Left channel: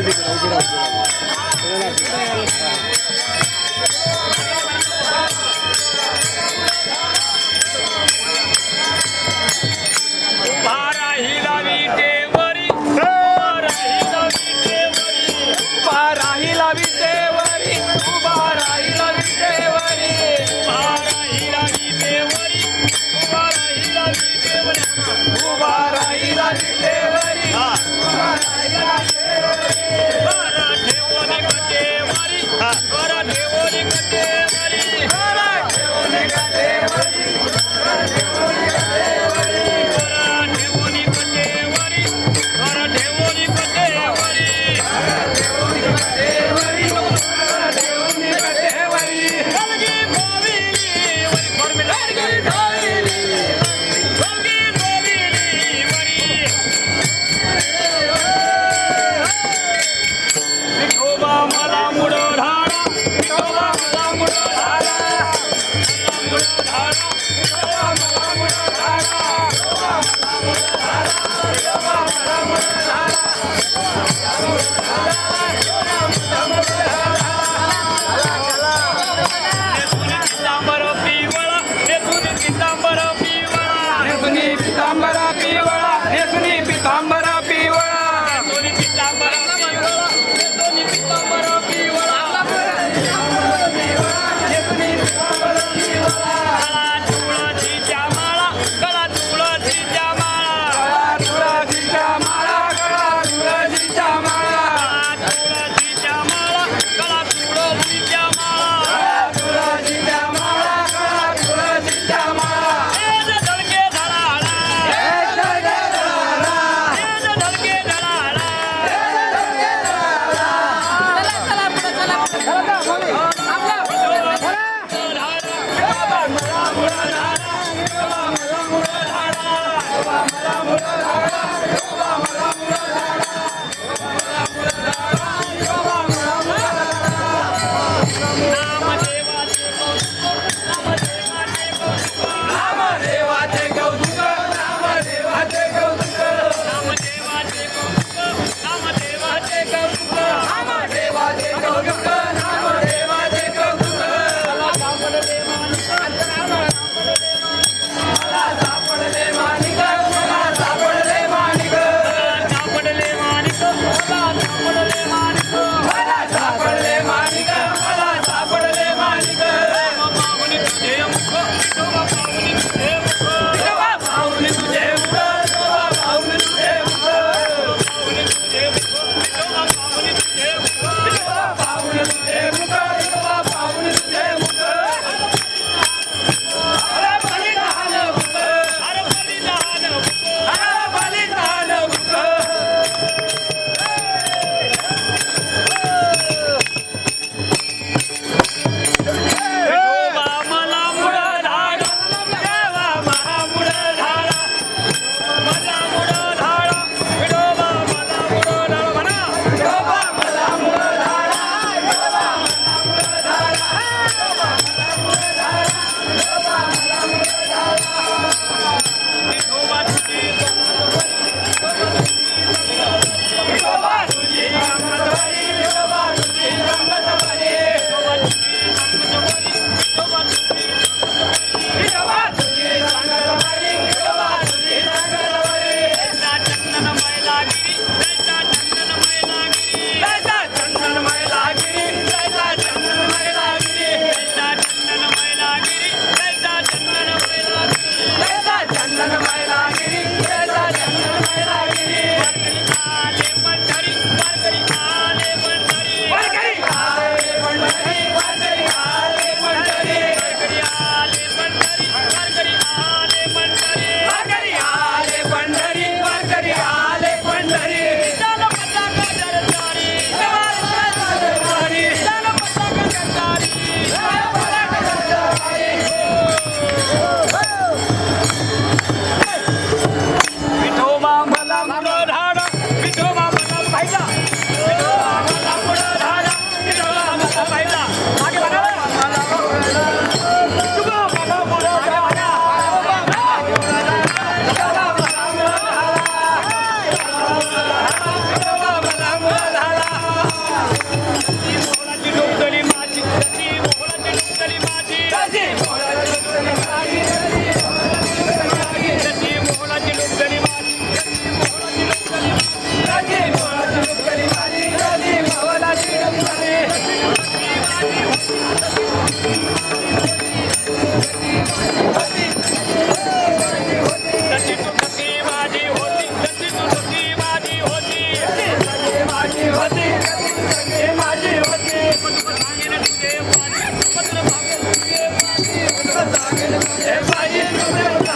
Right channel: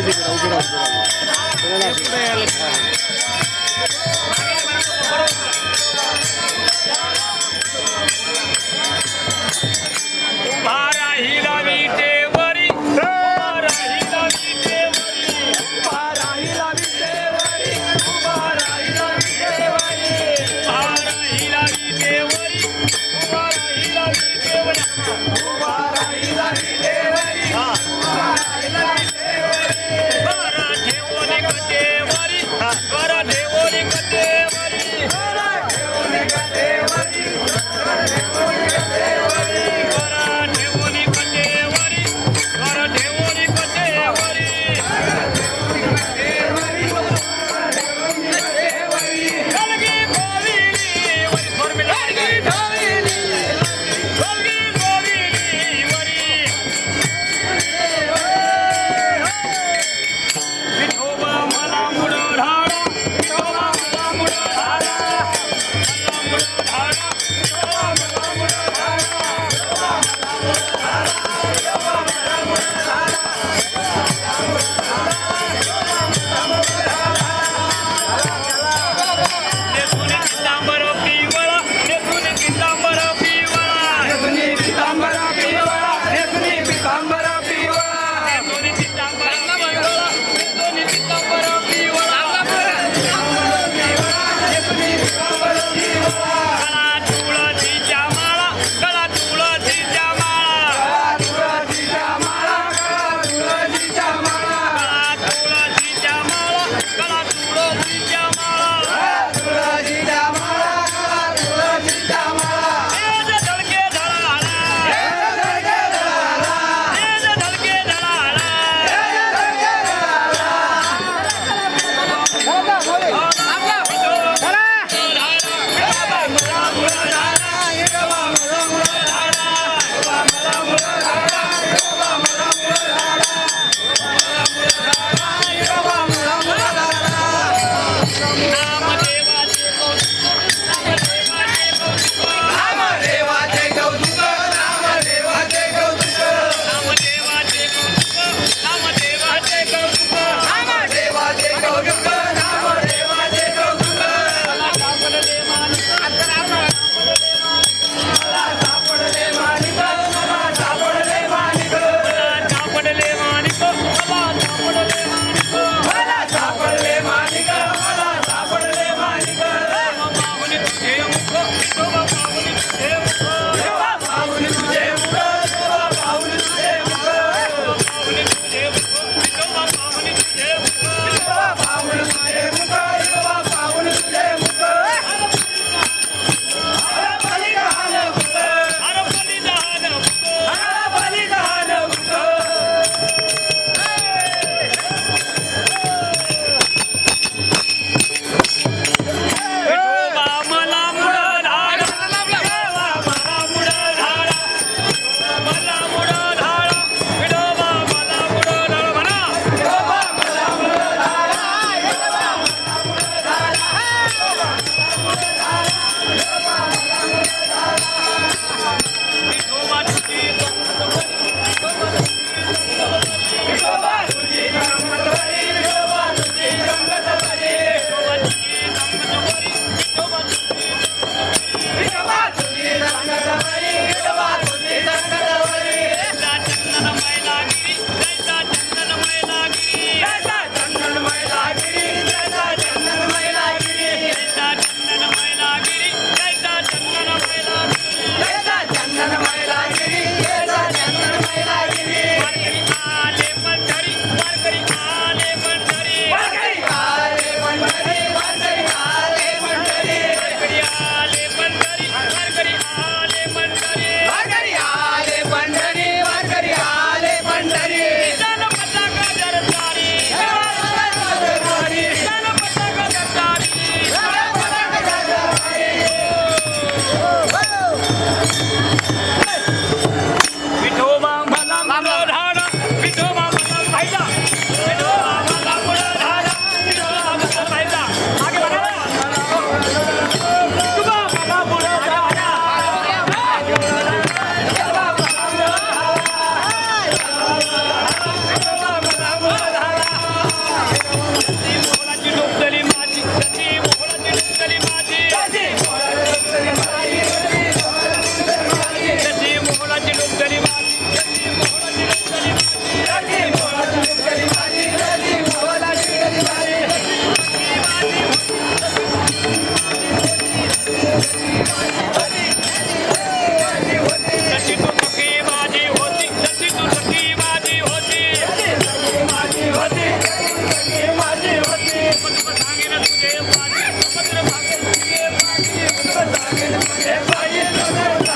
这个我知道，知道，知道。Yeah.